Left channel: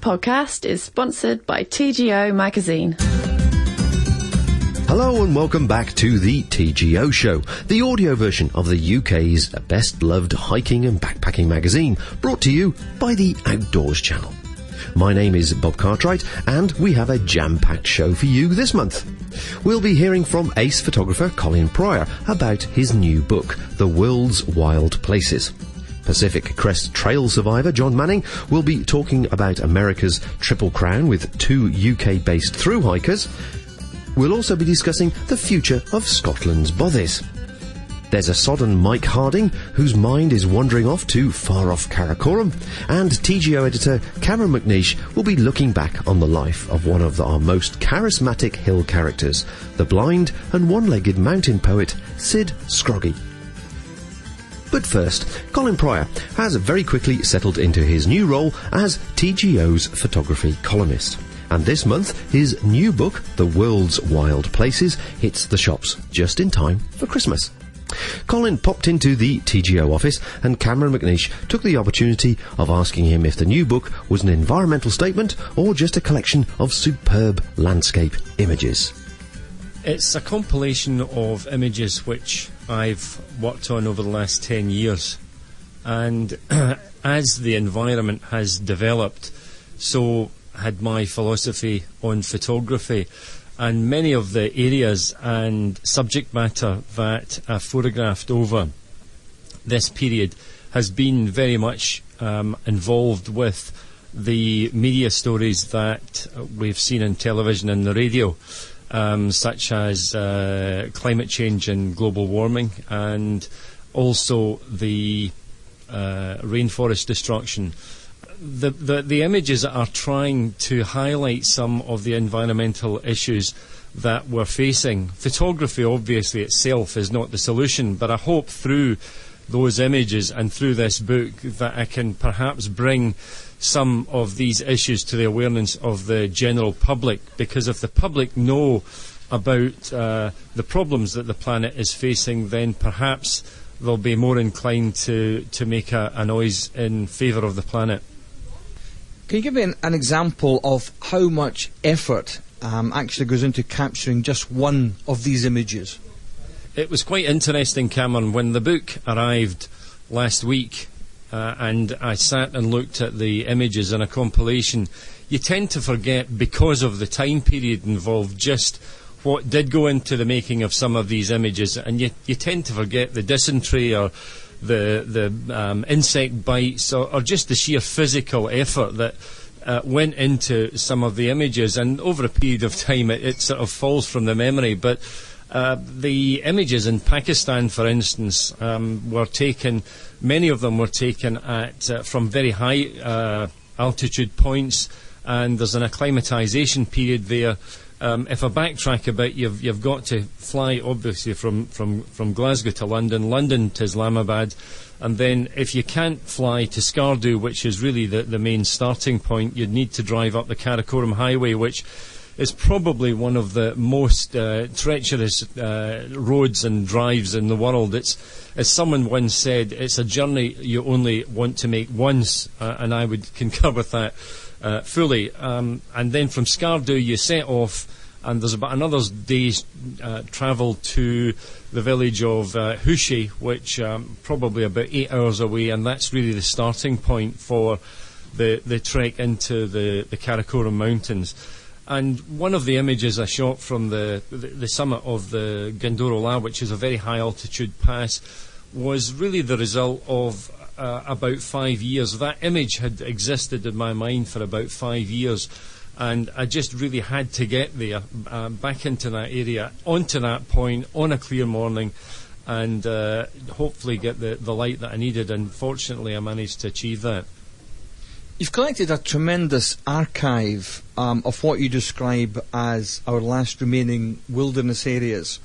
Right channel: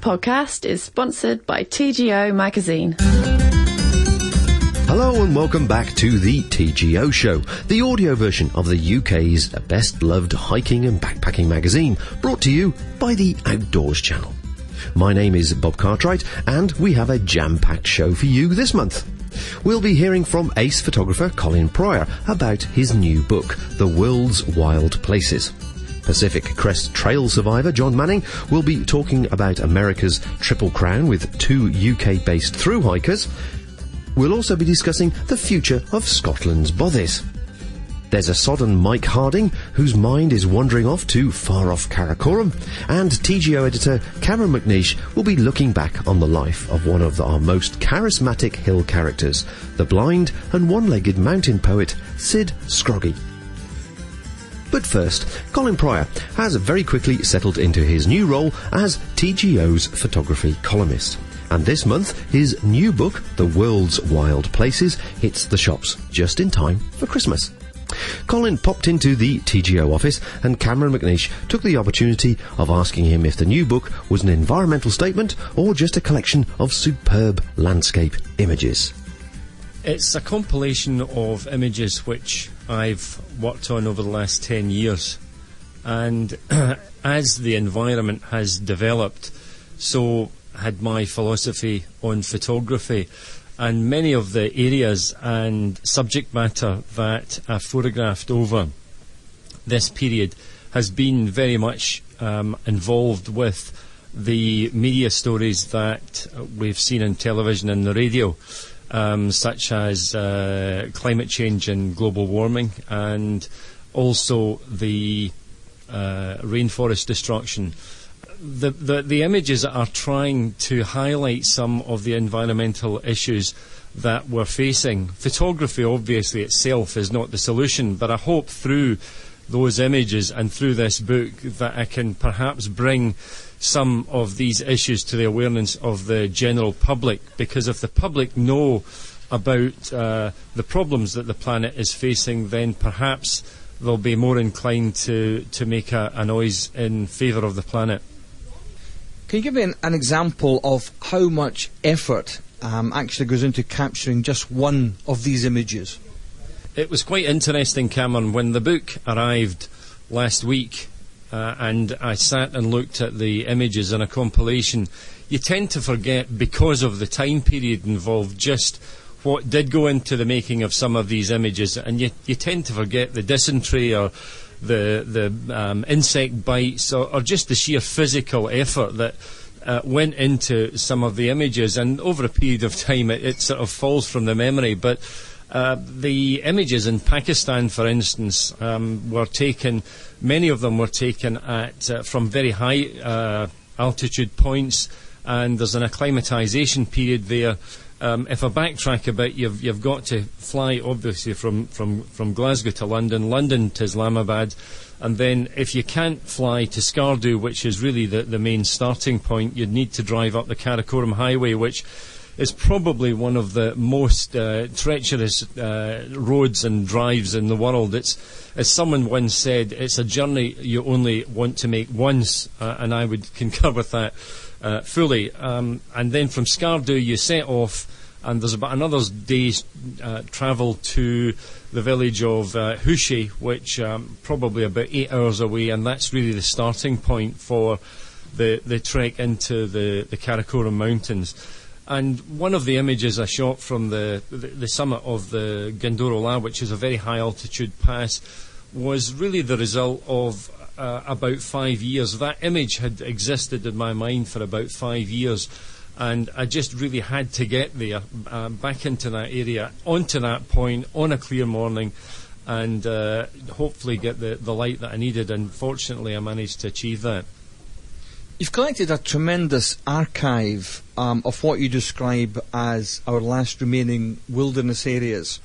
podcast is sponsored by TGO Magazine. Hello and welcome back to the TGO Show, the audio version of the UK's best-loved hiking and backpacking magazine, brought to you by the Outdoors Channel. My name is Bob Cartwright, and we have a jam-packed show for you this month. We'll be hearing from ace photographer Colin Prior about his new book, The World's Wild Places. Pacific Crest Trail survivor John Manning will be talking about America's Triple Crown with two UK-based thru-hikers. We'll also be discussing the future of Scotland's Bothies. There's a sodden Mike Harding whose mind is wandering off to far-off Cairngorm, and TGO editor Cameron McNeish will be looking back on the life of one of our most charismatic hill characters, the blind and one-legged mountain poet Syd Scroggie. But first, Colin Prior has very quickly settled into his new role as TGO's photography columnist. And this month, his new book, The World's Wild Places, hits the shops just in time for Christmas. Colin popped into the TGO office, and Cameron McNeish took the opportunity of asking him if the new book was an environmental statement or just a collection of superb landscape images. It's a compilation of images which I've worked on over the last 10 years. And as the environment has developed, so had my philosophy on photography, and many of the areas and subject matter that I've photographed over this period has been very much involved with the media stories that we've seen in television and the radio, such as climate change and global warming, and also the rainforest destruction. The images are trying to highlight some of the environmental issues that we're facing. Photography, obviously, itself is not the solution, but I hope through those images and through this book that I can perhaps bring some of these issues to the awareness of the general public, because if the public know about the problems that the planet is facing, then perhaps they'll be more inclined to make a noise in favour of the planet. Can you give me an example of how much effort actually goes into capturing just one of these images? It was quite interesting, Cameron, when the book arrived last week and I sat and looked at the images in a compilation. You tend to forget, because of the time period involved, just what did go into the making of some of these images, and you tend to forget the dysentery or the insect bites, or just the sheer physical effort that went into some of the images, and over a period of time it sort of falls from the memory. But the images in Pakistan, for instance, were taken, many of them were taken at from very high altitude points, and there's an acclimatisation period there. If I backtrack a bit, you've got to fly, obviously, from Glasgow to London to Islamabad, and then if you can't fly to Skardu, which is really the main starting point, you'd need to drive up the Karakoram Highway, which is probably one of the most treacherous roads and drives in the world. It's, as someone once said, it's a journey you only want to make once, and I would concur with that fully. And then from Skardu you set off, and there's about another day's travel to the village of Hushi, which probably about 8 hours away, and that's really the starting point for the trek into the Karakoram Mountains. And one of the images I shot from the summit of the Gandoro, which is a very high altitude pass, was really the result of about 5 years. That image had existed in my mind for about 5 years, and I just really had to get there, back into that area, onto that point, on a clear morning, and hopefully get the light that I needed, and fortunately I managed to achieve that. You've collected a tremendous archive of what you describe as our last remaining wilderness areas.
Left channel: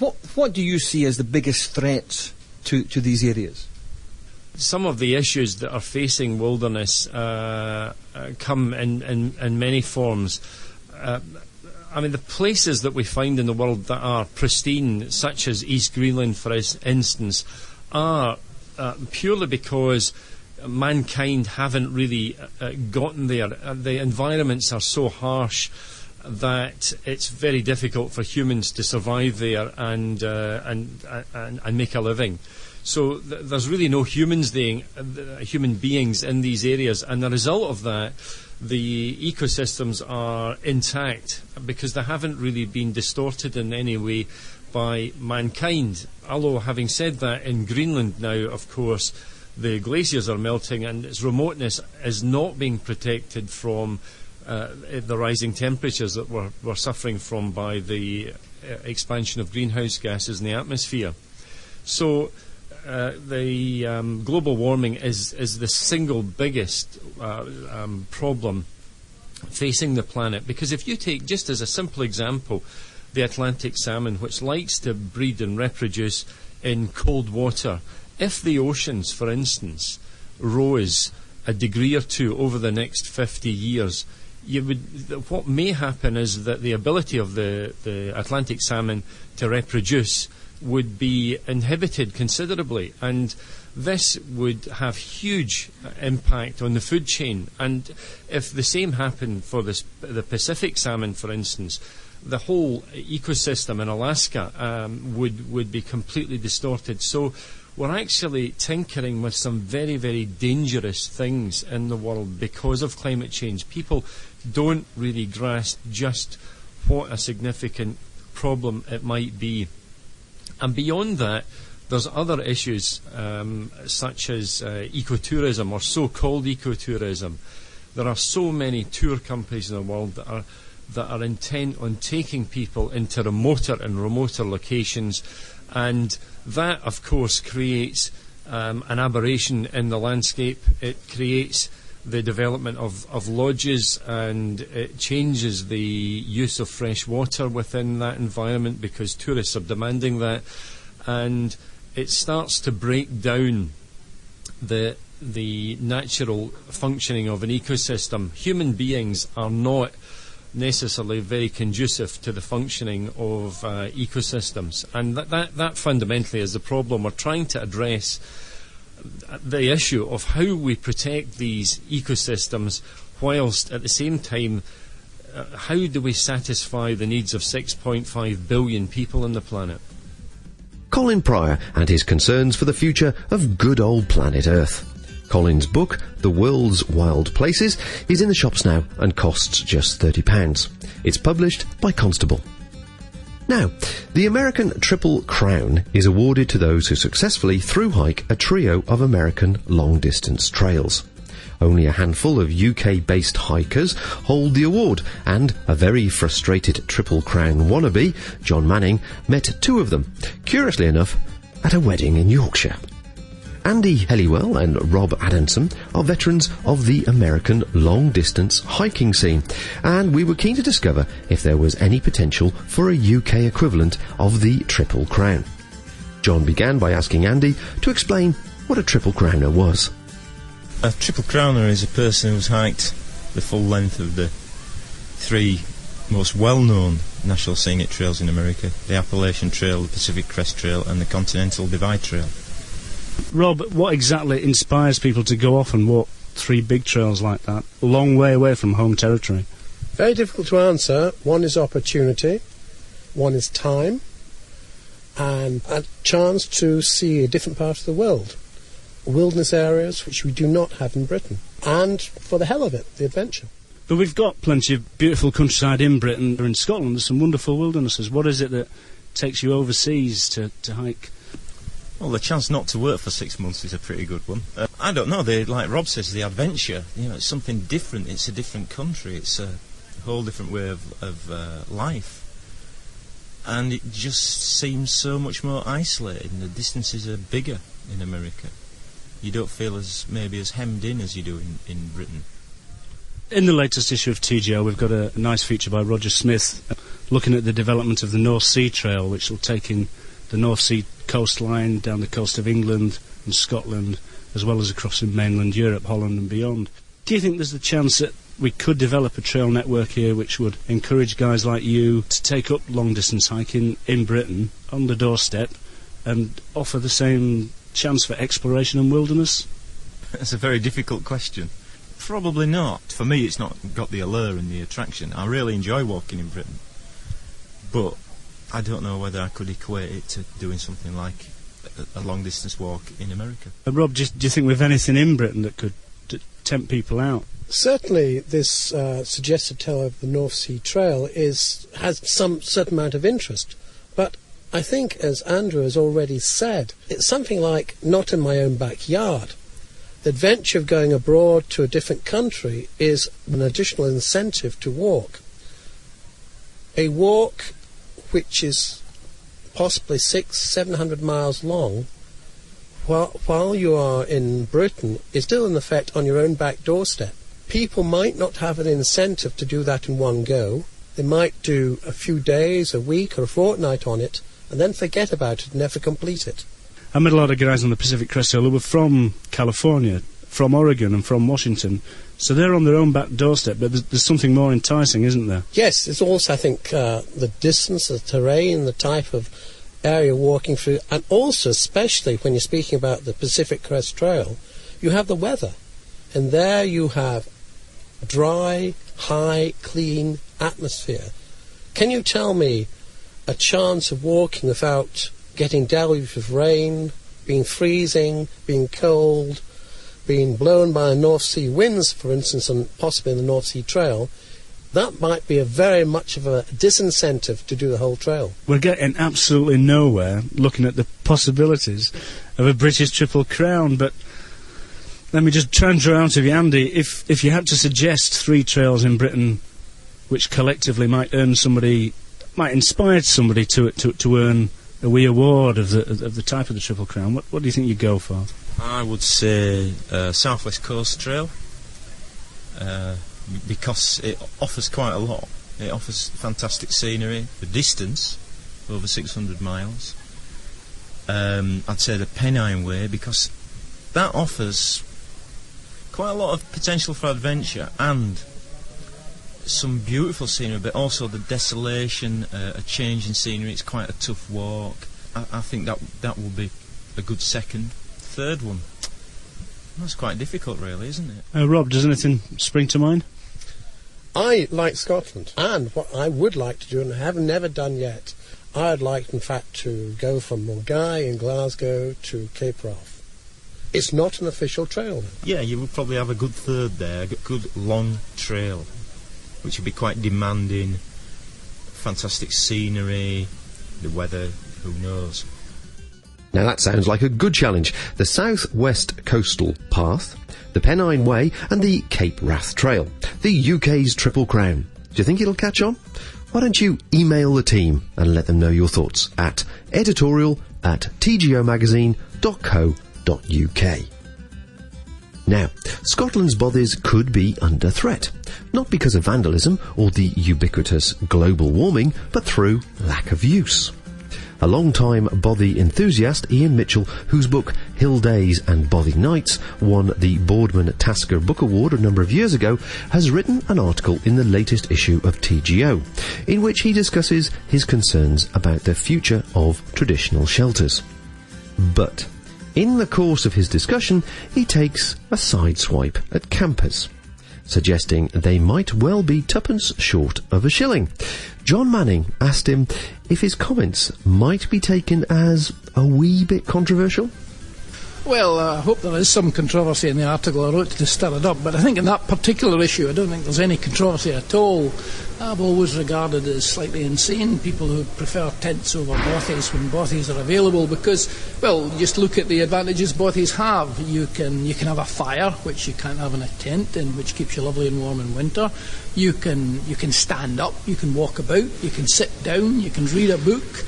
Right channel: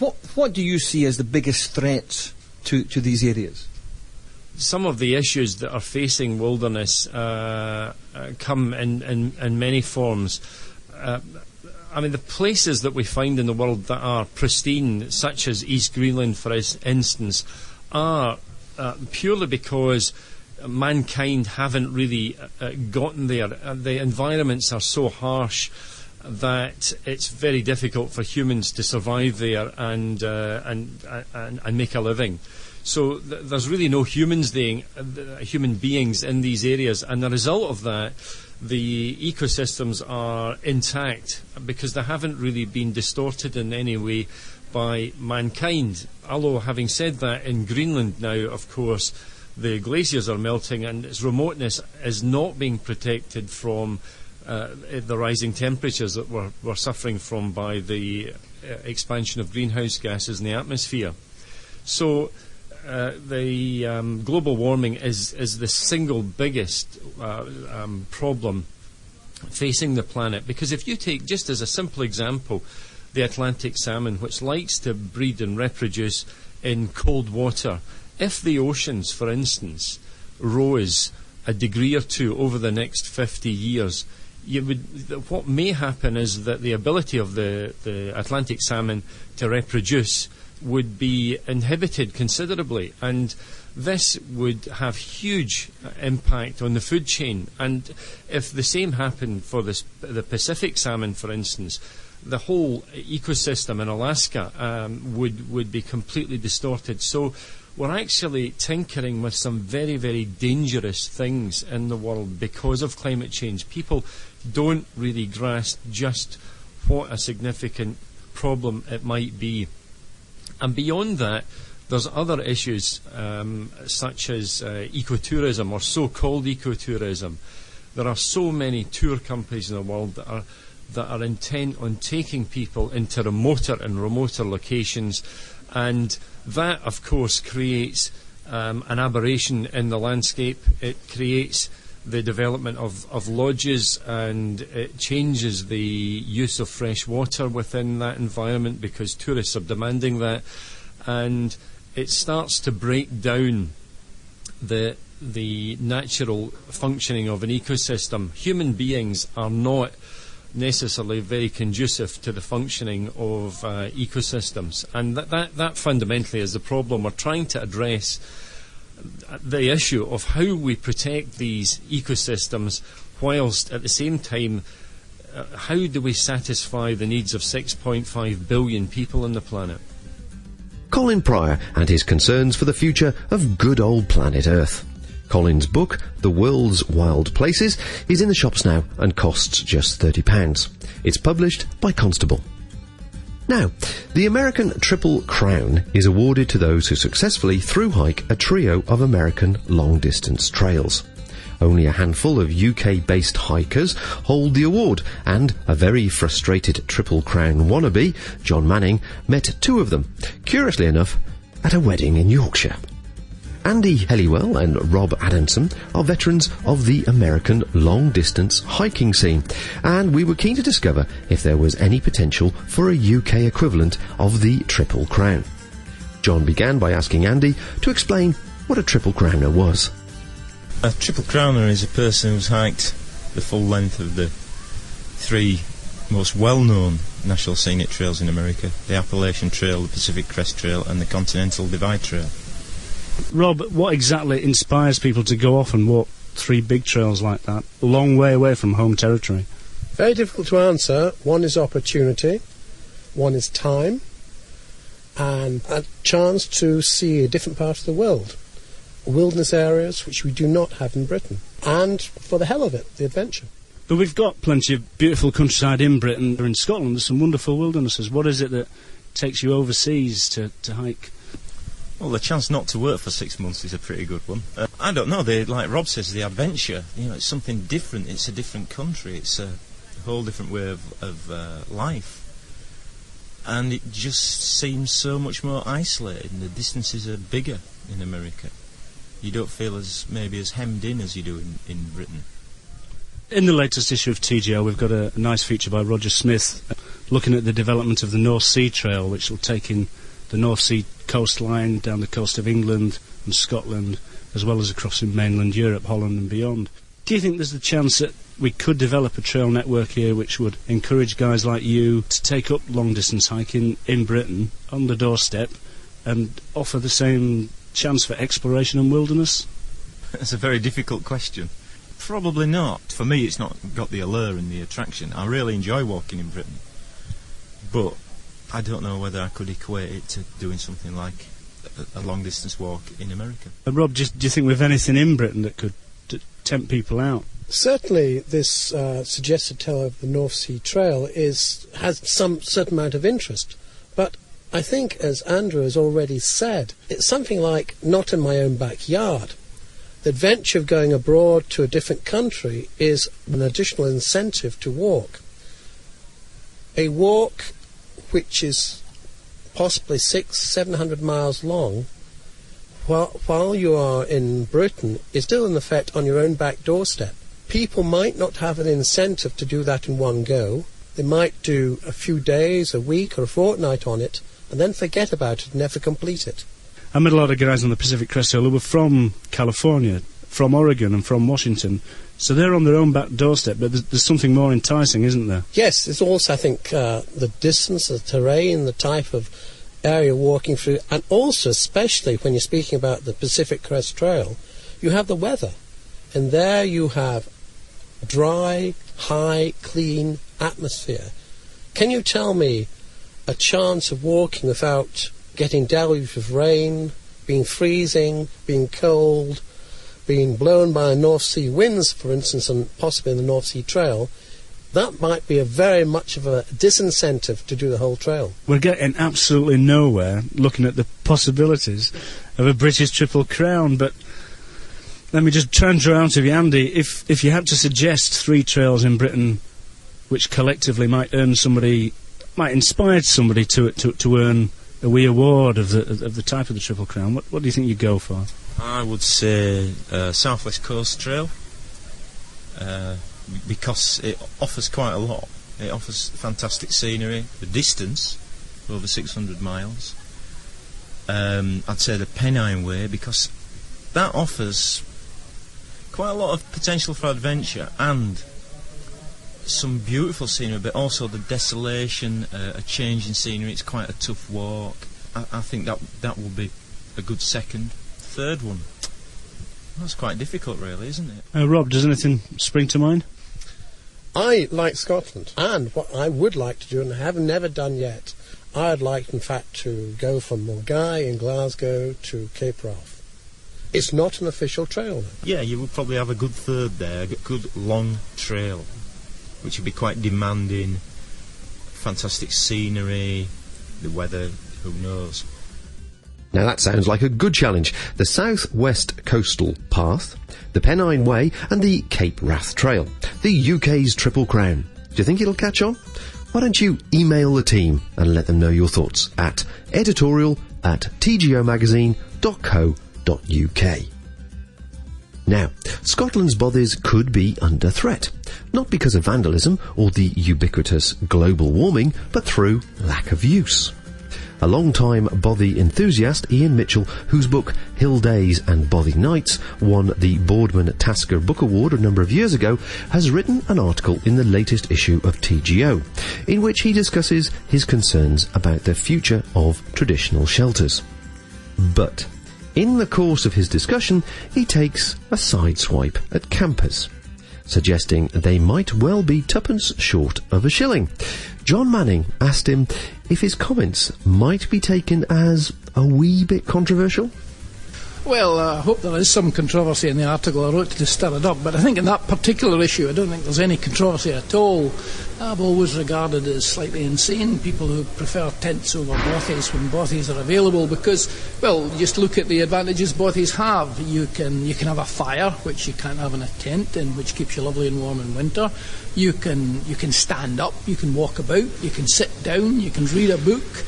What do you see as the biggest threats to these areas? Some of the issues that are facing wilderness come in many forms. I mean, the places that we find in the world that are pristine, such as East Greenland, for instance, are purely because mankind haven't really gotten there. The environments are so harsh that it's very difficult for humans to survive there and make a living. So there's really no human beings in these areas, and the result of that, the ecosystems are intact because they haven't really been distorted in any way by mankind. Although, having said that, in Greenland now, of course, the glaciers are melting and its remoteness is not being protected from the rising temperatures that we're suffering from by the expansion of greenhouse gases in the atmosphere. So the global warming is the single biggest problem facing the planet, because if you take, just as a simple example, the Atlantic salmon, which likes to breed and reproduce in cold water, if the oceans, for instance, rose a degree or two over the next 50 years, what may happen is that the ability of the Atlantic salmon to reproduce would be inhibited considerably, and this would have huge impact on the food chain. And if the same happened for the Pacific salmon, for instance, the whole ecosystem in Alaska would be completely distorted. So we're actually tinkering with some very, very dangerous things in the world because of climate change. People don't really grasp just what a significant problem it might be. And beyond that, there's other issues such as ecotourism, or so-called ecotourism. There are so many tour companies in the world that are intent on taking people into remoter and remoter locations, and that, of course, creates an aberration in the landscape. It creates the development of lodges, and it changes the use of fresh water within that environment because tourists are demanding that, and it starts to break down the natural functioning of an ecosystem. Human beings are not necessarily very conducive to the functioning of ecosystems, and that fundamentally is the problem. We're trying to address the issue of how we protect these ecosystems whilst at the same time how do we satisfy the needs of 6.5 billion people on the planet. Colin Prior and his concerns for the future of good old planet Earth. Colin's book, The World's Wild Places, is in the shops now and costs just £30. It's published by Constable. Now, the American Triple Crown is awarded to those who successfully thru-hike a trio of American long-distance trails. Only a handful of UK-based hikers hold the award, and a very frustrated Triple Crown wannabe, John Manning, met two of them, curiously enough, at a wedding in Yorkshire. Andy Helliwell and Rob Adamson are veterans of the American long-distance hiking scene, and we were keen to discover if there was any potential for a UK equivalent of the Triple Crown. John began by asking Andy to explain what a Triple Crowner was. A Triple Crowner is a person who's hiked the full length of the three most well-known national scenic trails in America: the Appalachian Trail, the Pacific Crest Trail and the Continental Divide Trail. Rob, what exactly inspires people to go off and walk three big trails like that, a long way away from home territory? Very difficult to answer. One is opportunity, one is time, and a chance to see a different part of the world. Wilderness areas which we do not have in Britain. And, for the hell of it, the adventure. But we've got plenty of beautiful countryside in Britain. In Scotland there's some wonderful wildernesses. What is it that takes you overseas to hike? Well, the chance not to work for 6 months is a pretty good one. I don't know, like Rob says, the adventure, it's something different, it's a different country, it's a whole different way of life. And it just seems so much more isolated, and the distances are bigger in America. You don't feel as hemmed in as you do in Britain. In the latest issue of TGO, we've got a nice feature by Roger Smith looking at the development of the North Sea Trail, which will take in the North Sea coastline down the coast of England and Scotland, as well as across in mainland Europe, Holland and beyond. Do you think there's a chance that we could develop a trail network here which would encourage guys like you to take up long-distance hiking in Britain on the doorstep and offer the same chance for exploration and wilderness? That's a very difficult question. Probably not. For me, it's not got the allure and the attraction. I really enjoy walking in Britain, but I don't know whether I could equate it to doing something like a long-distance walk in America. Rob, do you think we've anything in Britain that could tempt people out? Certainly, this suggested tale of the North Sea Trail has some certain amount of interest, but I think, as Andrew has already said, it's something like not in my own backyard. The adventure of going abroad to a different country is an additional incentive to walk. A walk which is possibly 600-700 miles long, while you are in Britain, is still in effect on your own back doorstep. People might not have an incentive to do that in one go. They might do a few days, a week or a fortnight on it, and then forget about it and never complete it. I met a lot of guys on the Pacific Crest Trail who were from California, from Oregon and from Washington, so they're on their own back doorstep, but there's something more enticing, isn't there? Yes, it's also, I think, the distance, the terrain, the type of area walking through, and also, especially when you're speaking about the Pacific Crest Trail, you have the weather, and there you have dry, high, clean atmosphere. Can you tell me a chance of walking without getting deluged with rain, being freezing, being cold, being blown by North Sea winds, for instance, and possibly in the North Sea Trail? That might be a very much of a disincentive to do the whole trail. We're getting absolutely nowhere looking at the possibilities of a British Triple Crown, but let me just try and draw out of you, Andy, if you had to suggest 3 trails in Britain which collectively might inspire somebody to earn a wee award of the type of the Triple Crown, what do you think you'd go for? I would say South West Coast Trail, because it offers quite a lot. It offers fantastic scenery, the distance, over 600 miles. I'd say the Pennine Way, because that offers quite a lot of potential for adventure and some beautiful scenery, but also the desolation, a change in scenery. It's quite a tough walk. I think that will be a good second. Third one, that's quite difficult, really, isn't it? Rob, does anything spring to mind? I like Scotland, and what I would like to do, and I have never done yet, I'd like, in fact, to go from Mulgai in Glasgow to Cape Wrath. It's not an official trail, though. Yeah, you would probably have a good third there, a good long trail, which would be quite demanding. Fantastic scenery, the weather, who knows. Now that sounds like a good challenge. The South West Coastal Path, the Pennine Way and the Cape Wrath Trail, the UK's Triple Crown. Do you think it'll catch on? Why don't you email the team and let them know your thoughts at editorial@tgomagazine.co.uk. Now, Scotland's Bothies could be under threat, not because of vandalism or the ubiquitous global warming, but through lack of use. A long-time Bothy enthusiast, Ian Mitchell, whose book Hill Days and Bothy Nights won the Boardman Tasker Book Award a number of years ago, has written an article in the latest issue of TGO, in which he discusses his concerns about the future of traditional shelters. But in the course of his discussion, he takes a sideswipe at campers, suggesting they might well be twopence short of a shilling. John Manning asked him if his comments might be taken as a wee bit controversial. Well, I hope there is some controversy in the article I wrote to stir it up, but I think in that particular issue I don't think there's any controversy at all. I've always regarded as slightly insane people who prefer tents over bothies when bothies are available, because, well, just look at the advantages bothies have. You can have a fire, which you can't have in a tent, and which keeps you lovely and warm in winter. You can stand up, you can walk about, you can sit down, you can read a book.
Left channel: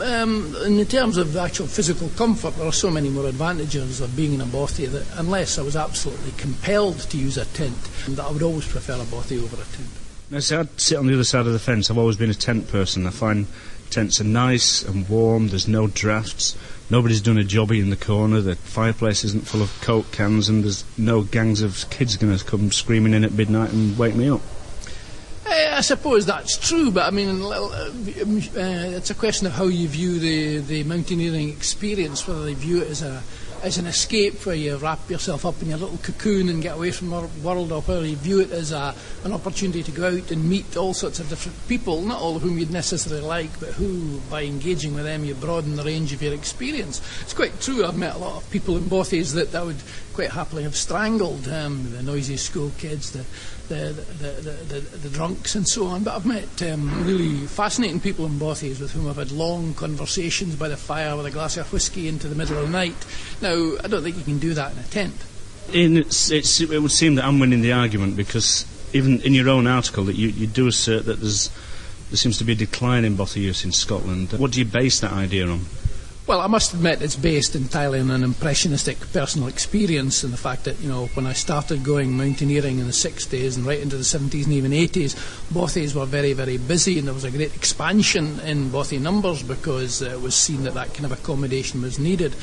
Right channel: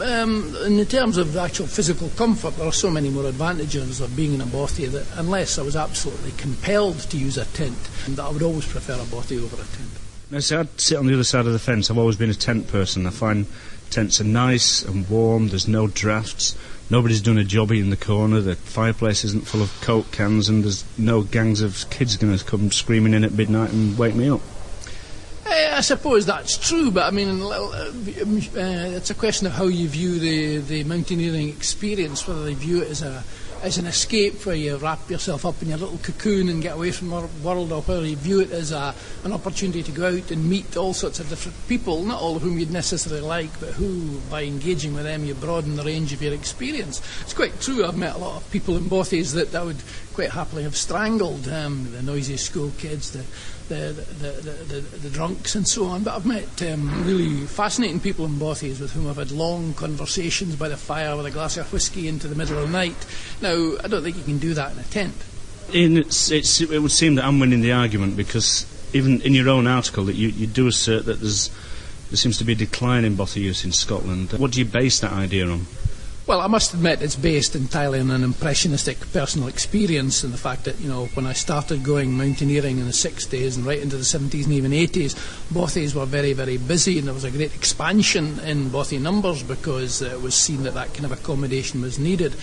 In terms of actual physical comfort, there are so many more advantages of being in a bothy that, unless I was absolutely compelled to use a tent, that I would always prefer a bothy over a tent. Now, see, I'd sit on the other side of the fence. I've always been a tent person. I find tents are nice and warm, there's no drafts, nobody's done a jobby in the corner, the fireplace isn't full of Coke cans, and there's no gangs of kids going to come screaming in at midnight and wake me up. I suppose that's true, but I mean, it's a question of how you view the mountaineering experience, whether they view it as an escape where you wrap yourself up in your little cocoon and get away from the world, or whether you view it as an opportunity to go out and meet all sorts of different people, not all of whom you'd necessarily like, but who, by engaging with them, you broaden the range of your experience. It's quite true, I've met a lot of people in Bothies that I would quite happily have strangled, the noisy school kids, the drunks and so on, but I've met really fascinating people in Bothies with whom I've had long conversations by the fire with a glass of whisky into the middle of the night. Now, I don't think you can do that in a tent. It would seem that I'm winning the argument, because even in your own article that you do assert that there seems to be a decline in bothy use in Scotland. What do you base that idea on? Well, I must admit it's based entirely on an impressionistic personal experience, and the fact that, when I started going mountaineering in the 60s and right into the 70s and even 80s, bothies were very, very busy, and there was a great expansion in bothy numbers because it was seen that kind of accommodation was needed.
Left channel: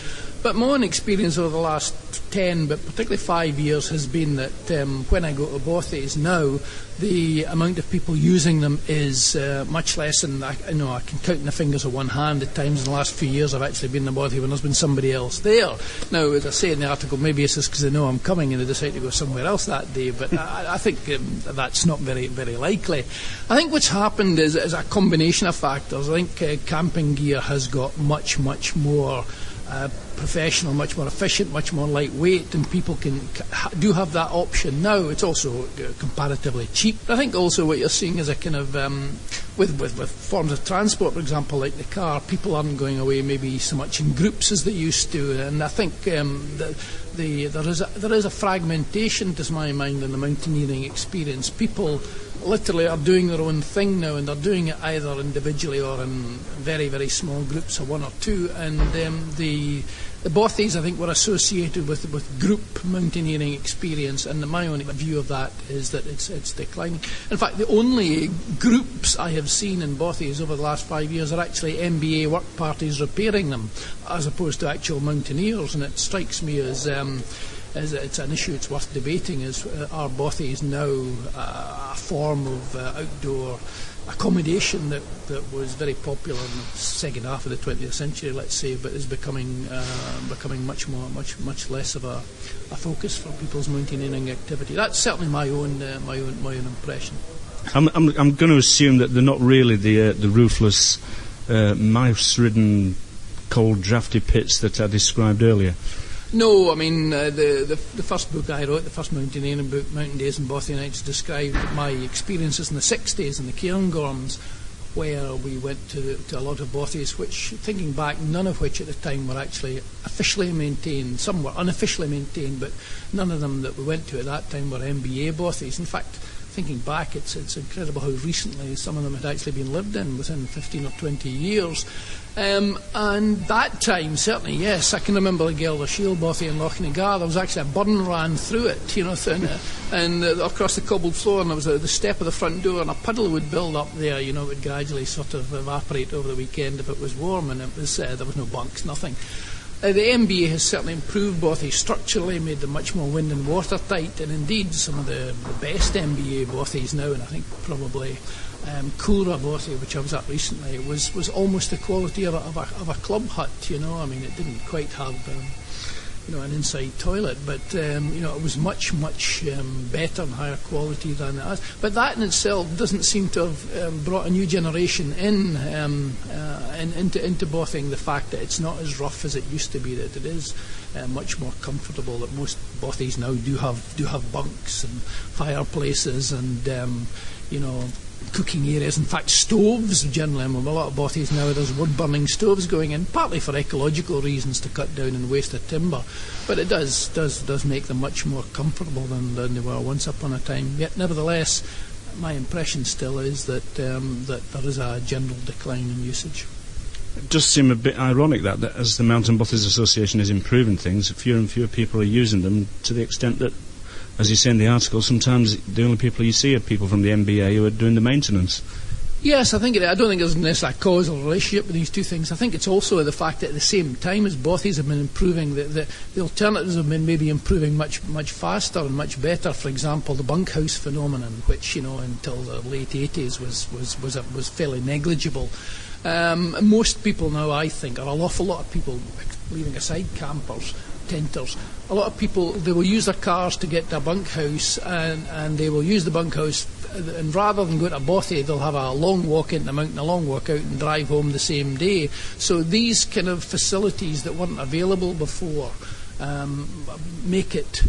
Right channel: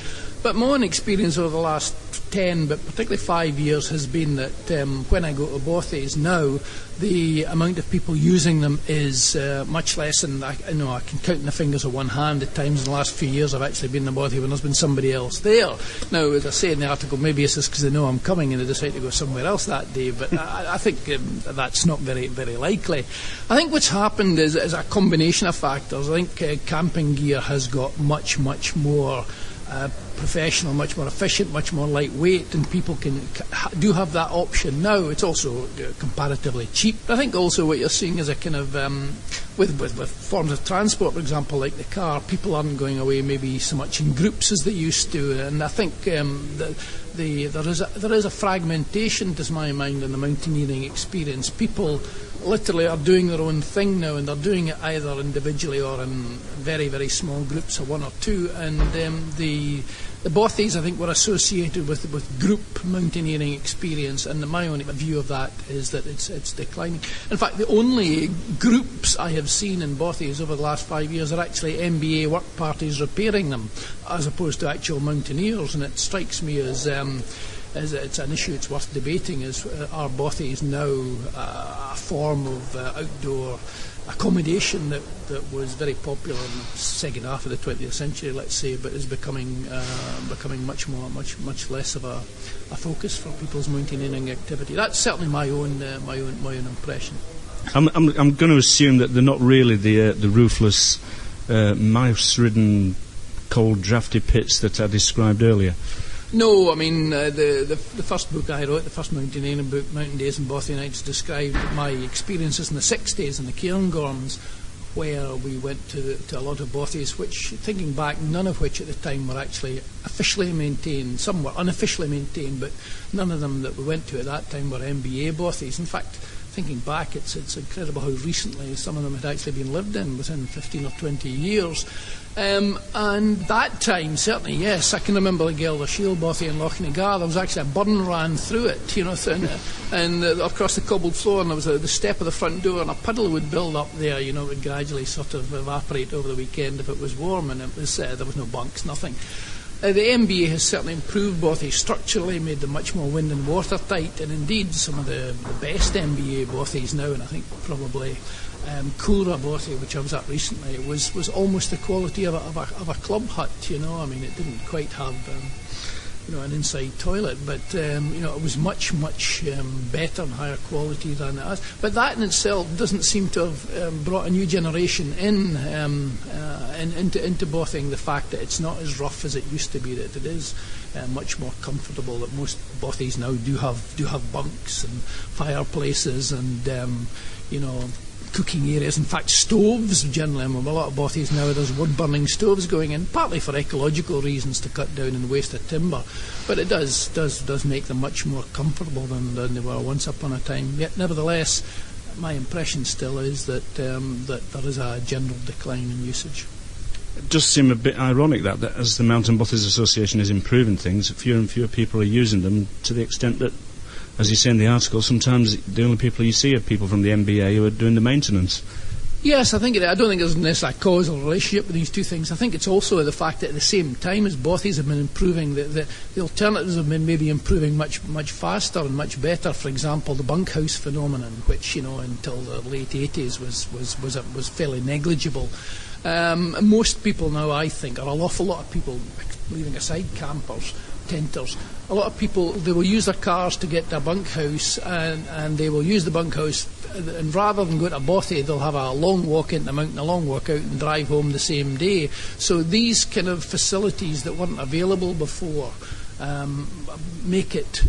But my own experience over the last 10, but particularly 5 years, has been that when I go to bothies now, the amount of people using them is much less, and I can count in the fingers of one hand the times in the last few years I've actually been in a bothy when there's been somebody else there. Now, as I say in the article, maybe it's just because they know I'm coming and they decide to go somewhere else that day, but I think that's not very, very likely. I think what's happened is a combination of factors. I think camping gear has got much, much more professional, much more efficient, much more lightweight, and people do have that option now. It's also comparatively cheap. I think also what you're seeing is a kind of with forms of transport, for example, like the car, people aren't going away maybe so much in groups as they used to, and I think there is a fragmentation, to my mind, in the mountaineering experience. People literally are doing their own thing now, and they're doing it either individually or in very, very small groups of one or two, and the bothies, I think, were associated with group mountaineering experience, and my own view of that is that it's declining. In fact, the only groups I have seen in bothies over the last 5 years are actually MBA work parties repairing them, as opposed to actual mountaineers, and it strikes me as it's an issue it's worth debating, is are bothies now a form of outdoor accommodation that was very popular in the second half of the 20th century, let's say, but is becoming much less of a focus for people's mountaineering activity. That's certainly my own impression. I'm going to assume that they're not really the ruthless, mouse-ridden, cold, drafty pits that I described earlier. No, I mean, the first book I wrote, the first mountaineering book, Mountain Days and Bothy Nights, described my experiences in the 60s in the Cairngorms, where we went to a lot of bothies, which, thinking back, none of which at the time were actually officially maintained. Some were unofficially maintained, but none of them that we went to at that time were MBA bothies. In fact, thinking back, it's incredible how recently some of them had actually been lived in, within 15 or 20 years. And that time, certainly, yes, I can remember the Gelder Shield bothy in Lochnagar. There was actually a burn ran through it, and across the cobbled floor, and there was the step of the front door, and a puddle would build up there. It would gradually sort of evaporate over the weekend if it was warm, and it was there was no bunks, nothing. The MBA has certainly improved bothy structurally, made them much more wind and watertight, and indeed some of the best MBA bothies now, and I think probably Coolra bothy, which I was at recently, was almost the quality of a club hut. I mean, it didn't quite have an inside toilet, but it was much better and higher quality than it has. But that in itself doesn't seem to have brought a new generation into bothing. The fact that it's not as rough as it used to be, that it is much more comfortable. That most bothies now do have bunks and fireplaces and cooking areas. In fact, stoves generally. A lot of bothies now, there's wood-burning stoves going in, partly for ecological reasons to cut down and waste of timber. But it does make them much more comfortable than they were once upon a time. Yet, nevertheless, my impression still is that there is a general decline in usage. It does seem a bit ironic that as the Mountain Bothies Association is improving things, fewer and fewer people are using them, to the extent that, as you say in the article, sometimes the only people you see are people from the MBA who are doing the maintenance. Yes, I don't think there's necessarily a causal relationship with these two things. I think it's also the fact that at the same time as Bothies have been improving, the alternatives have been maybe improving much faster and much better. For example, the bunkhouse phenomenon, which until the late 80s was fairly negligible. Most people now, I think, or an awful lot of people, leaving aside campers, tenters, a lot of people, they will use their cars to get to a bunkhouse, and they will use the bunkhouse, and rather than go to a bothy, they'll have a long walk into the mountain, a long walk out, and drive home the same day. So these kind of facilities that weren't available before make it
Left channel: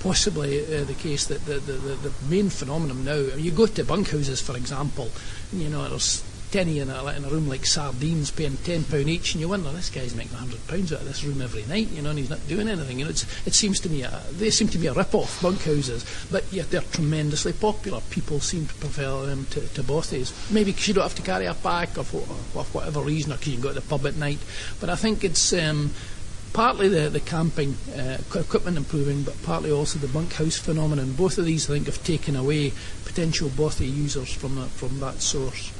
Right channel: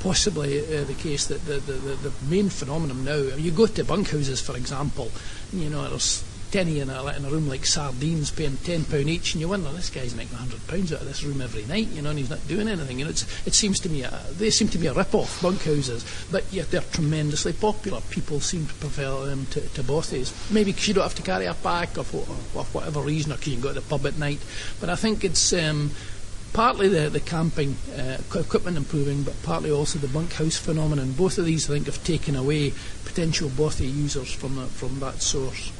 possibly the case that the main phenomenon now, you go to bunkhouses, for example, there's 10 in a room like sardines, paying £10 each, and you wonder, this guy's making £100 out of this room every night, and he's not doing anything. It seems to me they seem to be a rip-off, bunkhouses, but yet they're tremendously popular. People seem to prefer them to bothies. Maybe because you don't have to carry a pack, or for whatever reason, or because you can go to the pub at night. But I think it's partly the camping equipment improving, but partly also the bunkhouse phenomenon. Both of these, I think, have taken away potential bothy users from that source.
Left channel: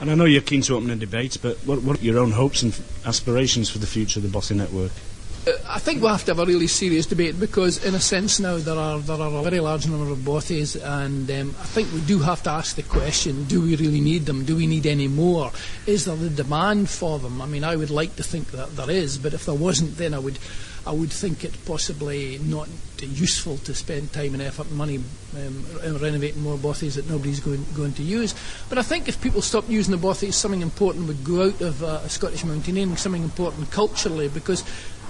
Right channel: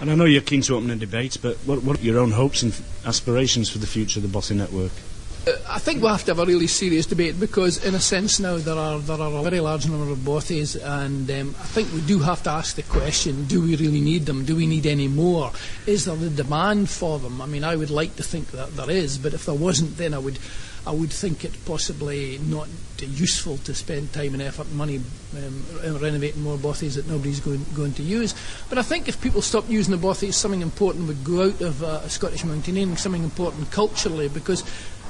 And I know you're keen to open a debate, but what are your own hopes and aspirations for the future of the Bothy network? I think we'll have to have a really serious debate, because in a sense now there are a very large number of bothies, and I think we do have to ask the question, do we really need them? Do we need any more? Is there the demand for them? I mean, I would like to think that there is, but if there wasn't, then I would think it possibly not useful to spend time and effort and money renovating more bothies that nobody's going to use. But I think if people stopped using the bothies, something important would go out of Scottish mountaineering, something important culturally, because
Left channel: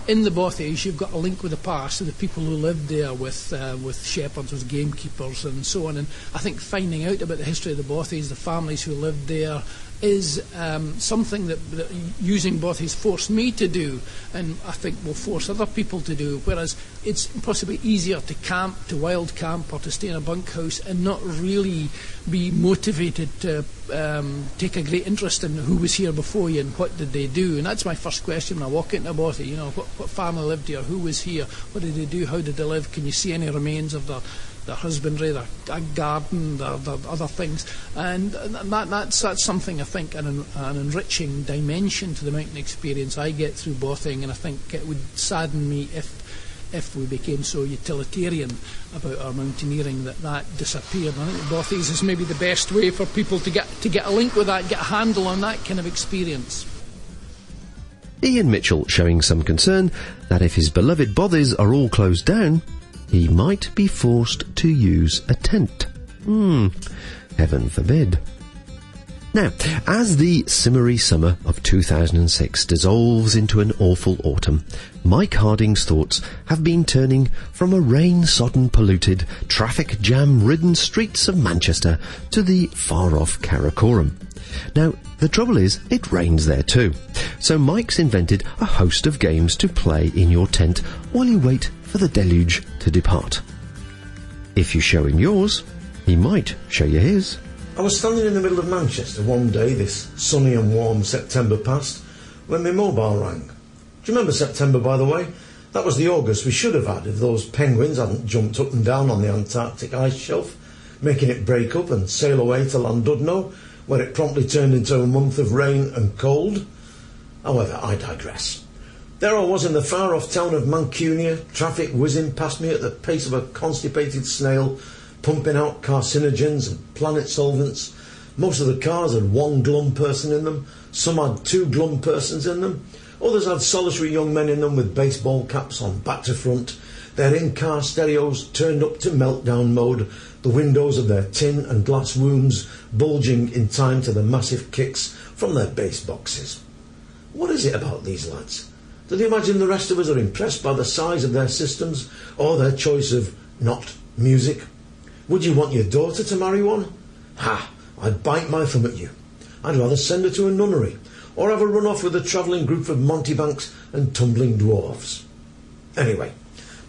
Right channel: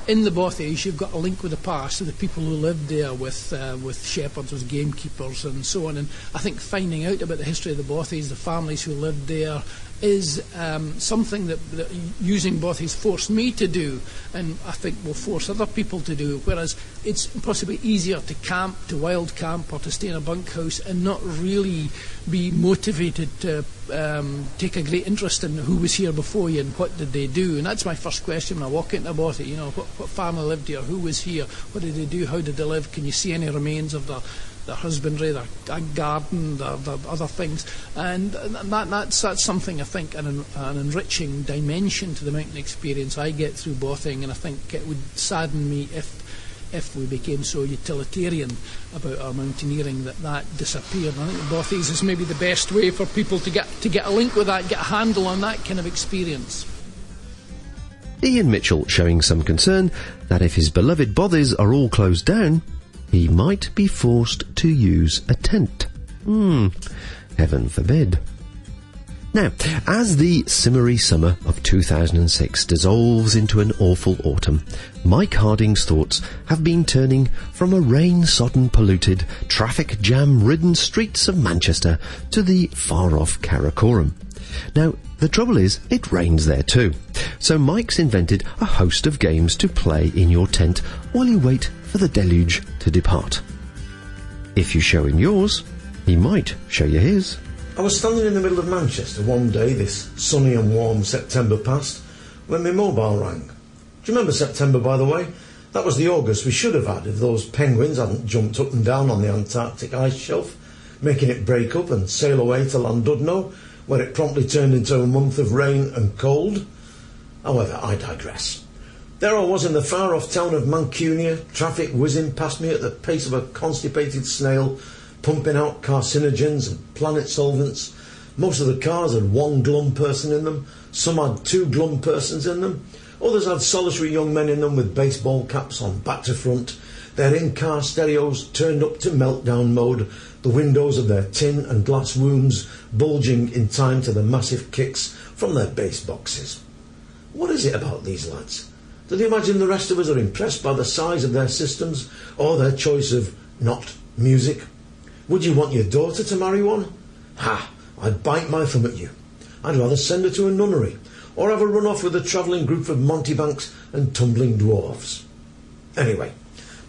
in the bothies you've got a link with the past, of the people who lived there with shepherds, with gamekeepers and so on. And I think finding out about the history of the bothies, the families who lived there, is something that using bothies forced me to do, and I think will force other people to do, whereas it's possibly easier to camp, to wild camp, or to stay in a bunkhouse and not really be motivated to take a great interest in who was here before you and what did they do. And that's my first question when I walk into a bothy, what family lived here, who was here, what did they do, how did they live, can you see any remains of their husbandry, their garden, their other things, and that's something, I think, an enriching dimension to the mountain experience I get through bothing, and I think it would sadden me if we became so utilitarian about our mountaineering that disappeared. And I think bothies is maybe the best way for people to get a link with that, get a handle on that kind of experience. Ian Mitchell showing some concern that if his beloved bothies are all closed down, he might be forced to use a tent. Heaven forbid. Now, as the simmery summer of 2006 dissolves into an awful autumn, Mike Harding's thoughts have been turning from a rain-sodden, polluted, traffic jam-ridden streets of Manchester to the far-off Cairngorm. Now, the trouble is, it rains there too. So Mike's invented a host of games to play in your tent while you wait for the deluge to depart. If you show him yours, he might show you his. I was standing in the middle of Manchester one day, this sunny and warm September past, when my mobile rang. Do you remember September, by the way? That was the August we should have had if those penguins hadn't jumped up and down on the Antarctic ice shelf, making it break up and sail away to Llandudno, where it promptly turned into a month of rain and cold. However, I digress. There I was in the far-off town of Mancunia, traffic whizzing past me at the pace of a constipated snail, pumping out carcinogens and planet solvents. Most of the cars had one glum person in them, some had two glum persons in them, others had solitary young men in them with baseball caps on back to front, their in-car stereos turned up to meltdown mode, the windows of their tin and glass rooms bulging in time to the massive kicks from their bass boxes. What is it about these lads? Do they imagine the rest of us are impressed by the size of their systems or their choice of not music? Would you want your daughter to marry one? Ha! I'd bite my thumb at you. I'd rather send her to a nunnery or have her run off with a travelling group of mountebanks and tumbling dwarves. Anyway,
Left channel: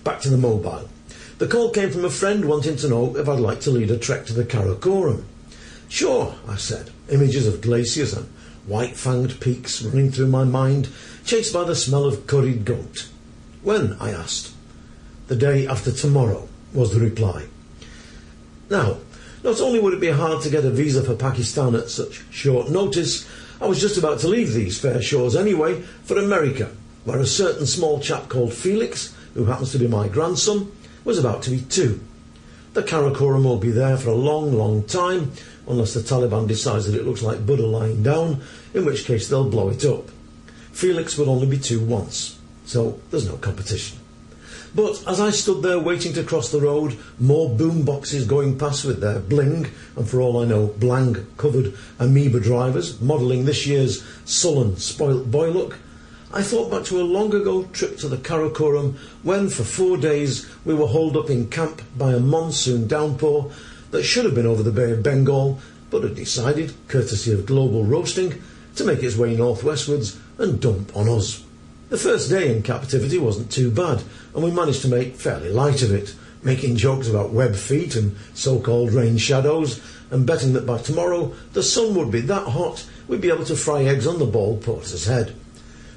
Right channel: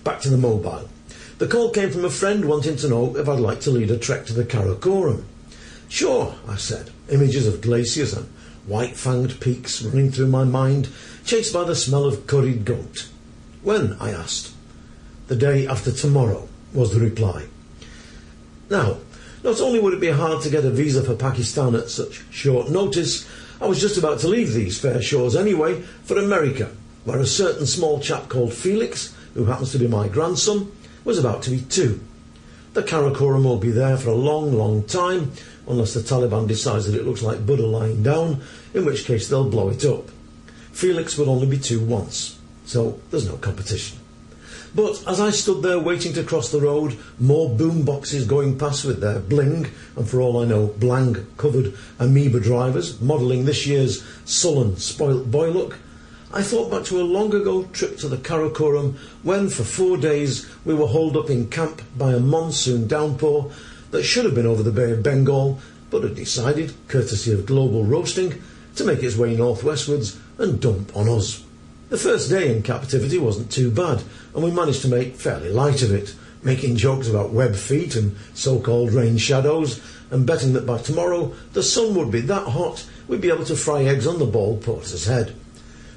back to the mobile. The call came from a friend wanting to know if I'd like to lead a trek to the Cairngorm. Sure, I said, images of glaciers and white-fanged peaks running through my mind, chased by the smell of curried goat. When? I asked. The day after tomorrow, was the reply. Now, Not only would it be hard to get a visa for Pakistan at such short notice, I was just about to leave these fair shores anyway for America, where a certain small chap called Felix, who happens to be my grandson, was about to be 2. The Karakoram will be there for a long, long time, unless the Taliban decides that it looks like Buddha lying down, in which case they'll blow it up. Felix will only be 2 once, so there's no competition. But as I stood there waiting to cross the road, more boom boxes going past with their bling, and for all I know, blang-covered amoeba drivers modelling this year's sullen, spoilt boy look, I thought back to a long-ago trip to the Karakoram when, for 4 days, we were holed up in camp by a monsoon downpour that should have been over the Bay of Bengal, but had decided, courtesy of global roasting, to make its way northwestwards and dump on us. The first day in captivity wasn't too bad, and we managed to make fairly light of it, making jokes about web feet and so-called rain shadows, and betting that by tomorrow the sun would be that hot we'd be able to fry eggs on the bald porter's head.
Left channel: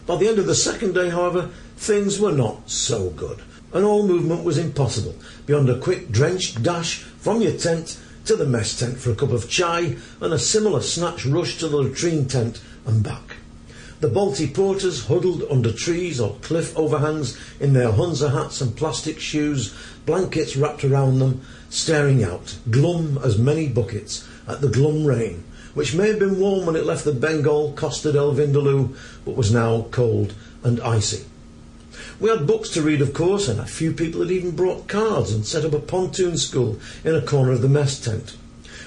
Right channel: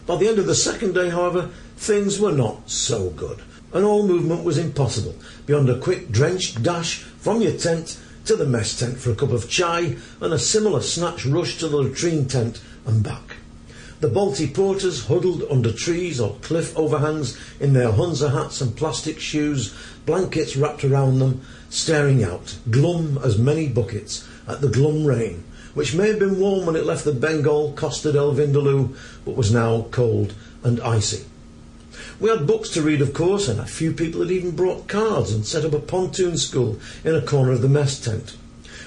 By the end of the second day, however, things were not so good, and all movement was impossible, beyond a quick drenched dash from your tent to the mess tent for a cup of chai, and a similar snatch rush to the latrine tent and back. The Balti porters huddled under trees or cliff overhangs in their Hunza hats and plastic shoes, blankets wrapped around them, staring out, glum as many buckets, at the glum rain, which may have been warm when it left the Bengal Costa del Vindaloo, but was now cold and icy. We had books to read, of course, and a few people had even brought cards and set up a pontoon school in a corner of the mess tent.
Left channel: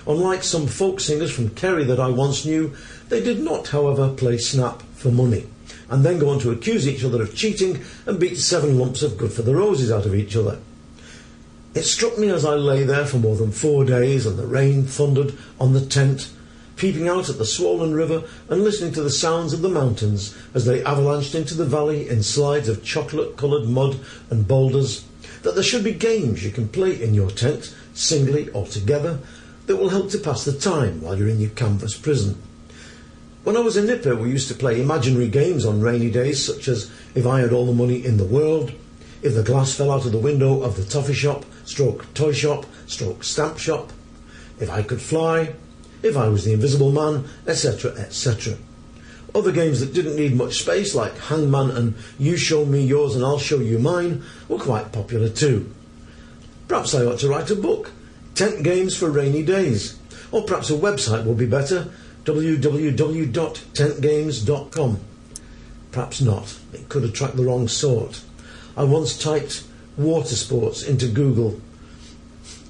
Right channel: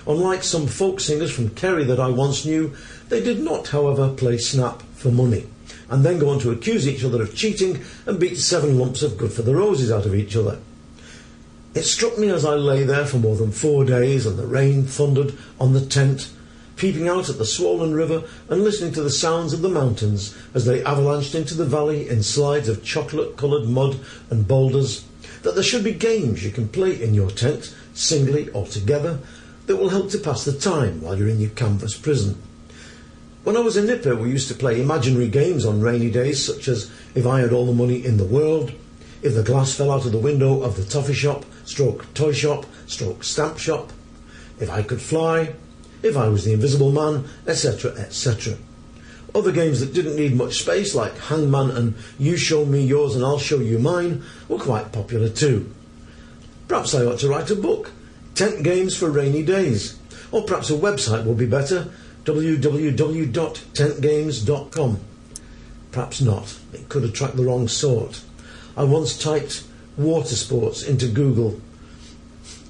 Unlike some folk singers from Kerry that I once knew, they did not, however, play snap for money, and then go on to accuse each other of cheating and beat 7 lumps of good for the roses out of each other. It struck me as I lay there for more than 4 days and the rain thundered on the tent, peeping out at the swollen river and listening to the sounds of the mountains as they avalanched into the valley in slides of chocolate-coloured mud and boulders, that there should be games you can play in your tent, singly or together, that will help to pass the time while you're in your canvas prison. When I was a nipper, we used to play imaginary games on rainy days, such as if I had all the money in the world, if the glass fell out of the window of the toffee shop, stroke toy shop, stroke stamp shop, if I could fly, if I was the invisible man, etc., etc. Other games that didn't need much space, like Hangman and You Show Me Yours and I'll Show You Mine, were quite popular too. Perhaps I ought to write a book, Tent Games for Rainy Days, or perhaps a website would be better, www.tentgames.com. Perhaps not. It could attract the wrong sort. I once typed water sports into Google,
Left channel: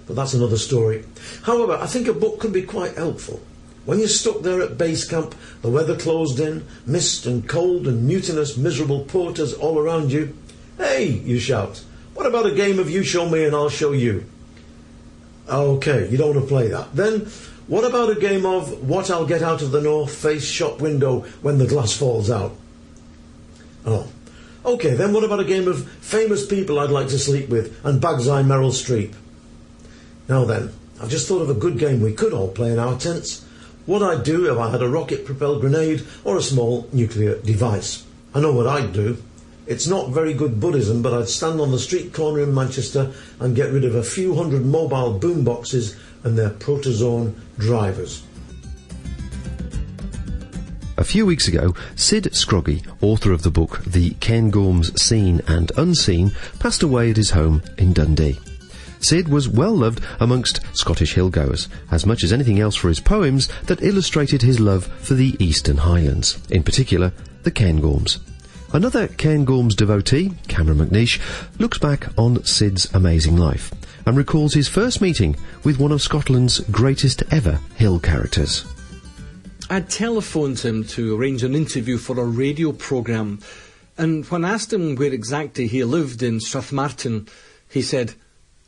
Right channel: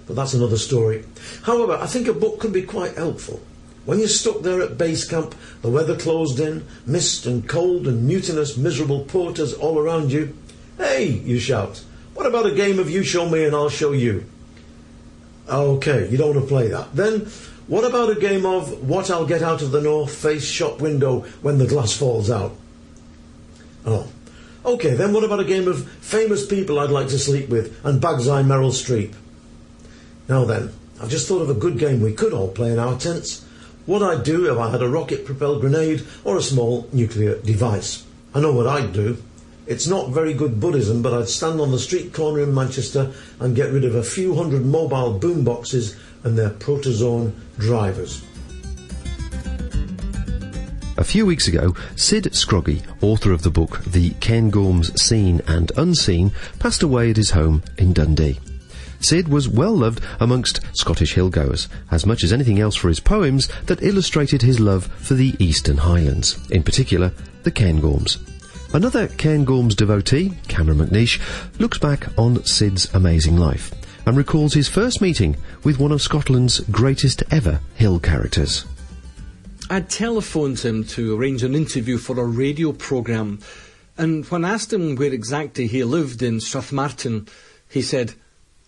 but that's another story. However, I think a book could be quite helpful. When you're stuck there at base camp, the weather closed in, mist and cold and mutinous, miserable porters all around you, hey, you shout, what about a game of You Show Me and I'll Show You? Okay, you don't want to play that. Then, what about a game of What I'll Get Out of the North Face shop window when the glass falls out? Oh, okay, then what about a game of Famous People I'd Like to Sleep With and Bag's Eye Meryl Streep? Now then, I've just thought of a good game we could all play in our tents. What I'd do if I had a rocket-propelled grenade or a small nuclear device. I know what I'd do. It's not very good Buddhism, but I'd stand on the street corner in Manchester and get rid of a few hundred mobile boom boxes and their protozoan drivers. A few weeks ago, Syd Scroggie, author of the book The Cairngorm's Seen and Unseen, passed away at his home in Dundee. Syd was well loved amongst Scottish hillgoers, as much as anything else for his poems that illustrated his love for the Eastern Highlands, in particular the Cairngorms. Another Cairngorms devotee, Cameron McNeish, looks back on Syd's amazing life and recalls his first meeting with one of Scotland's greatest ever hill characters. I'd telephoned him to arrange an interview for a radio programme, and when I asked him where exactly he lived in Strathmartin, he said,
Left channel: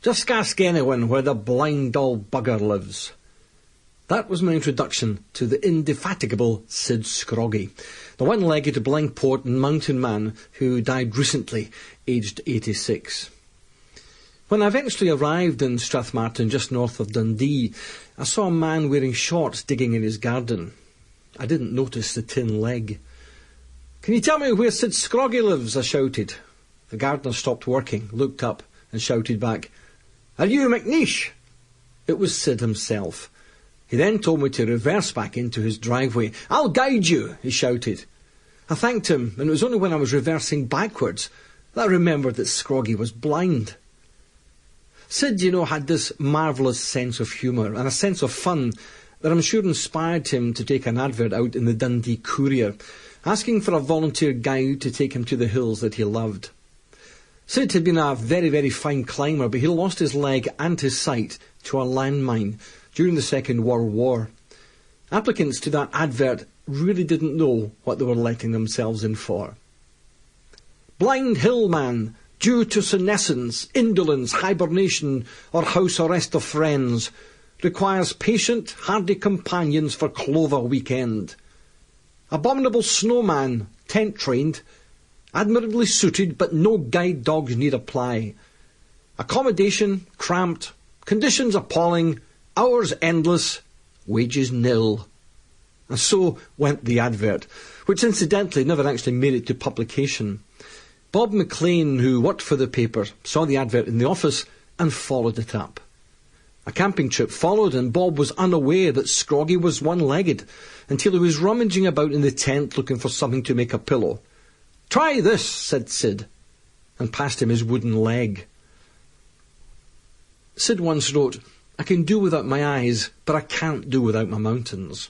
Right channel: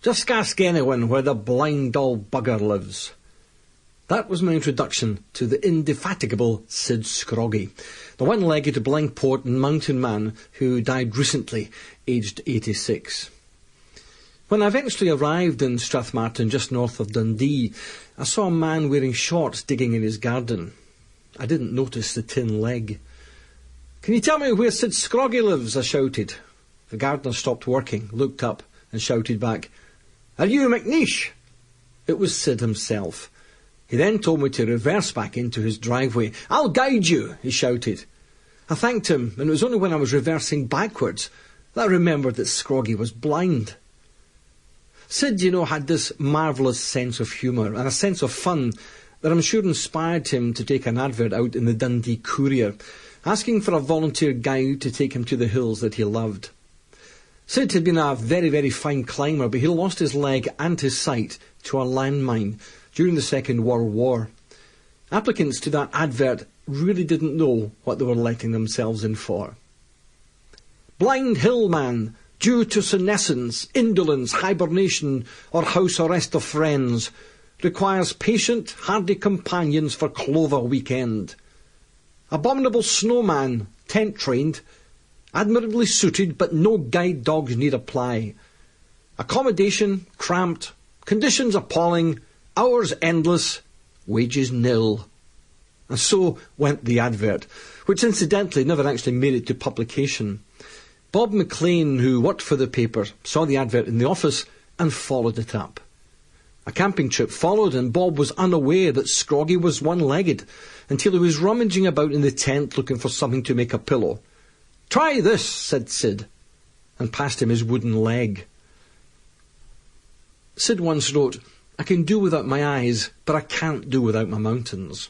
"Just ask anyone where the blind old bugger lives." That was my introduction to the indefatigable Syd Scroggie, the one-legged blind port and mountain man who died recently, aged 86. When I eventually arrived in Strathmartin, just north of Dundee, I saw a man wearing shorts digging in his garden. I didn't notice the tin leg. "Can you tell me where Syd Scroggie lives?" I shouted. The gardener stopped working, looked up and shouted back, "Are you McNeish?" It was Syd himself. He then told me to reverse back into his driveway. "I'll guide you," he shouted. I thanked him, and it was only when I was reversing backwards that I remembered that Scroggie was blind. Syd, had this marvellous sense of humour and a sense of fun that I'm sure inspired him to take an advert out in the Dundee Courier, asking for a volunteer guide to take him to the hills that he loved. Syd had been a very, very fine climber, but he lost his leg and his sight to a landmine during the Second World War. Applicants to that advert really didn't know what they were letting themselves in for. "Blind hillman, due to senescence, indolence, hibernation, or house arrest of friends, requires patient, hardy companions for Clover weekend. Abominable snowman, tent-trained, admirably suited, but no guide dogs need apply. Accommodation cramped, conditions appalling, hours endless, wages nil." And so went the advert, which incidentally never actually made it to publication. Bob McLean, who worked for the paper, saw the advert in the office and followed it up. A camping trip followed, and Bob was unaware that Scroggie was one-legged until he was rummaging about in the tent looking for something to make a pillow. "Try this," said Syd, and passed him his wooden leg. Syd once wrote, "I can do without my eyes, but I can't do without my mountains."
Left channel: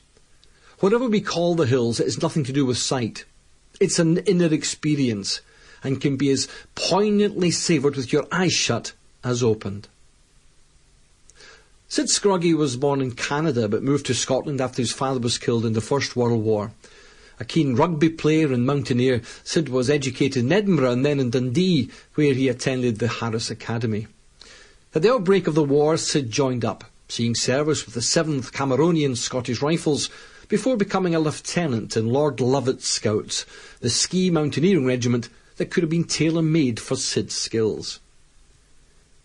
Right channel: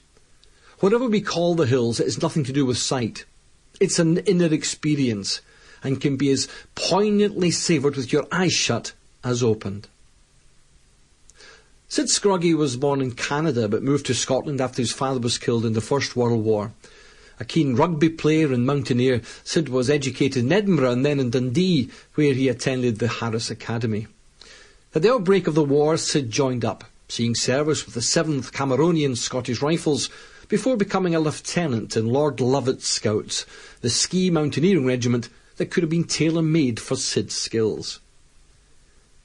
Whatever we call the hills, it has nothing to do with sight. It's an inner experience, and can be as poignantly savoured with your eyes shut as opened. Syd Scroggie was born in Canada, but moved to Scotland after his father was killed in the First World War. A keen rugby player and mountaineer, Syd was educated in Edinburgh and then in Dundee, where he attended the Harris Academy. At the outbreak of the war, Syd joined up, seeing service with the 7th Cameronian Scottish Rifles, before becoming a lieutenant in Lord Lovat's Scouts, the ski mountaineering regiment that could have been tailor-made for Syd's skills.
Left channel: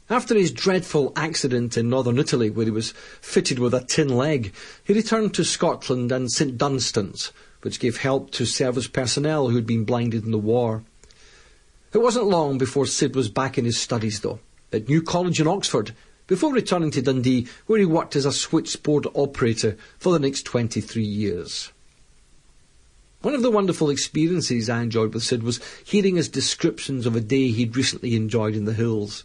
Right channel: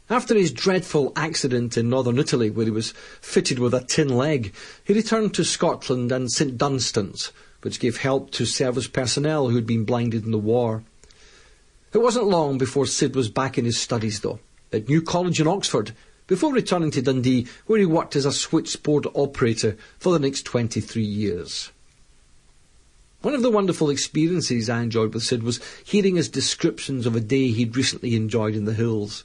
After his dreadful accident in northern Italy, where he was fitted with a tin leg, he returned to Scotland and St Dunstan's, which gave help to service personnel who had been blinded in the war. It wasn't long before Syd was back in his studies, though, at New College in Oxford, before returning to Dundee, where he worked as a switchboard operator for the next 23 years. One of the wonderful experiences I enjoyed with Syd was hearing his descriptions of a day he'd recently enjoyed in the hills.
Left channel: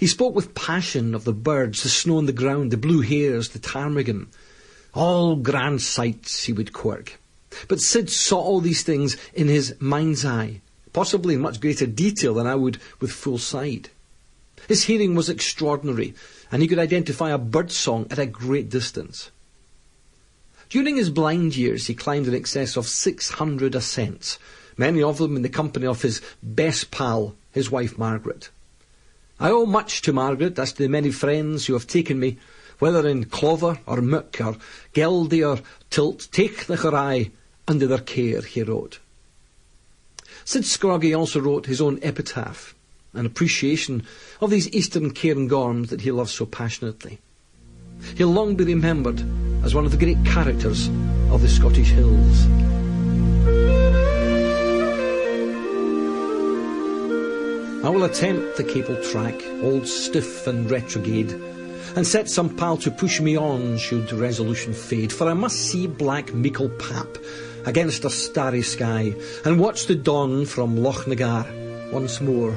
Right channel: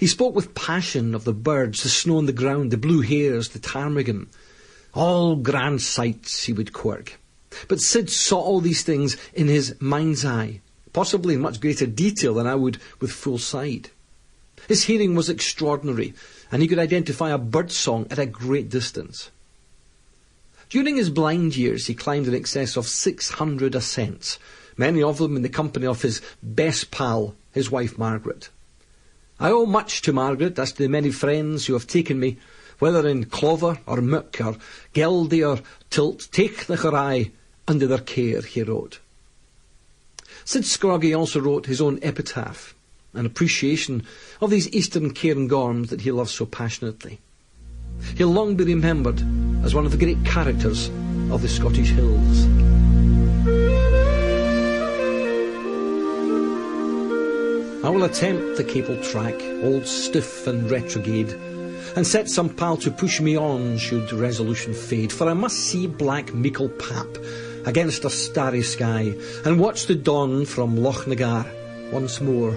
He spoke with passion of the birds, the snow on the ground, the blue hares, the ptarmigan. All grand sights, he would quirk. But Syd saw all these things in his mind's eye, possibly in much greater detail than I would with full sight. His hearing was extraordinary, and he could identify a bird song at a great distance. During his blind years, he climbed in excess of 600 ascents, many of them in the company of his best pal, his wife Margaret. I owe much to Margaret, as to the many friends who have taken me, whether in Clover or Mook or Geldie or Tilt, take the Chorai under their care, he wrote. Syd Scroggie also wrote his own epitaph, an appreciation of these eastern Cairngorms that he loved so passionately. He'll long be remembered as one of the great characters of the Scottish hills. I will attempt the cable track, old stiff and retrograde, and set some pal to push me on should resolution fade, for I must see black Meikle Pap against a starry sky, and watch the dawn from Loch Nagar once more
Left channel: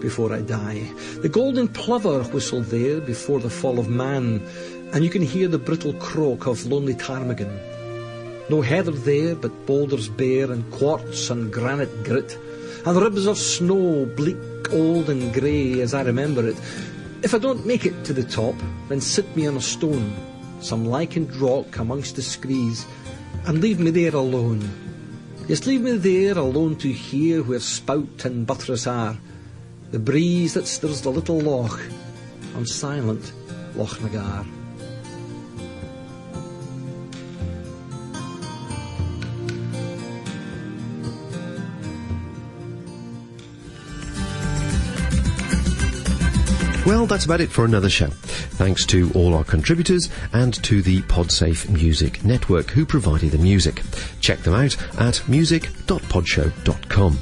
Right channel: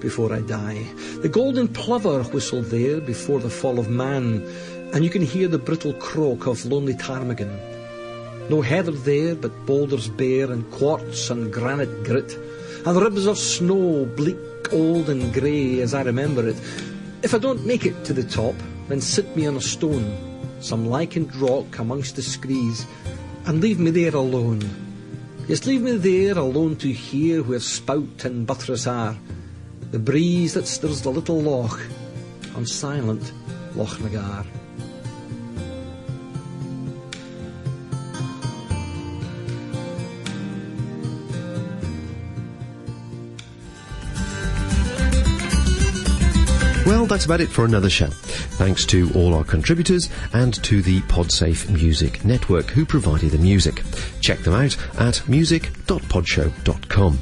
before I die. The golden plover whistled there before the fall of man, and you can hear the brittle croak of lonely ptarmigan. No heather there, but boulders bare, and quartz and granite grit, and ribs of snow, bleak, old and grey as I remember it. If I don't make it to the top, then sit me on a stone, some lichened rock amongst the screes, and leave me there alone. Just leave me there alone to hear where spout and buttress are, the breeze that stirs the little loch on silent Loch Nagar. Well, that's about it for another show. Thanks to all our contributors and to the Podsafe Music Network who provided the music. Check them out at music.podshow.com.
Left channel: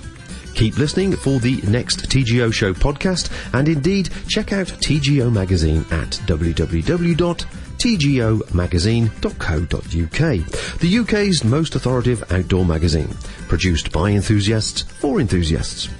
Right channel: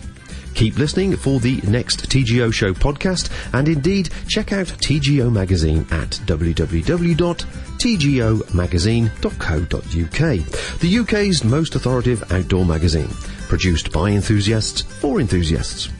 Keep listening for the next TGO Show podcast, and indeed check out TGO Magazine at www.tgomagazine.co.uk, the UK's most authoritative outdoor magazine, produced by enthusiasts for enthusiasts.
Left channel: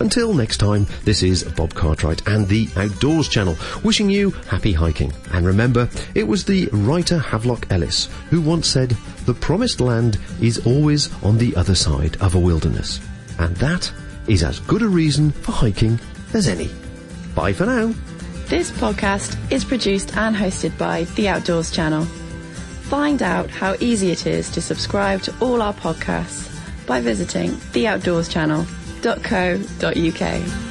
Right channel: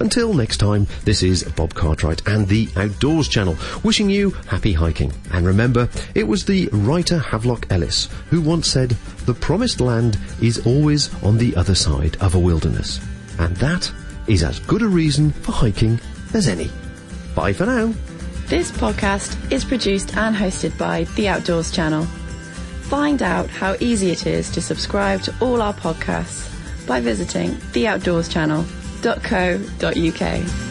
Until next time, this is Bob Cartwright and the Outdoors Channel, wishing you happy hiking. And remember, it was the writer Havelock Ellis who once said, "The promised land is always on the other side of a wilderness." And that is as good a reason for hiking as any. Bye for now. This podcast is produced and hosted by The Outdoors Channel. Find out how easy it is to subscribe to all our podcasts by visiting theoutdoorschannel.co.uk.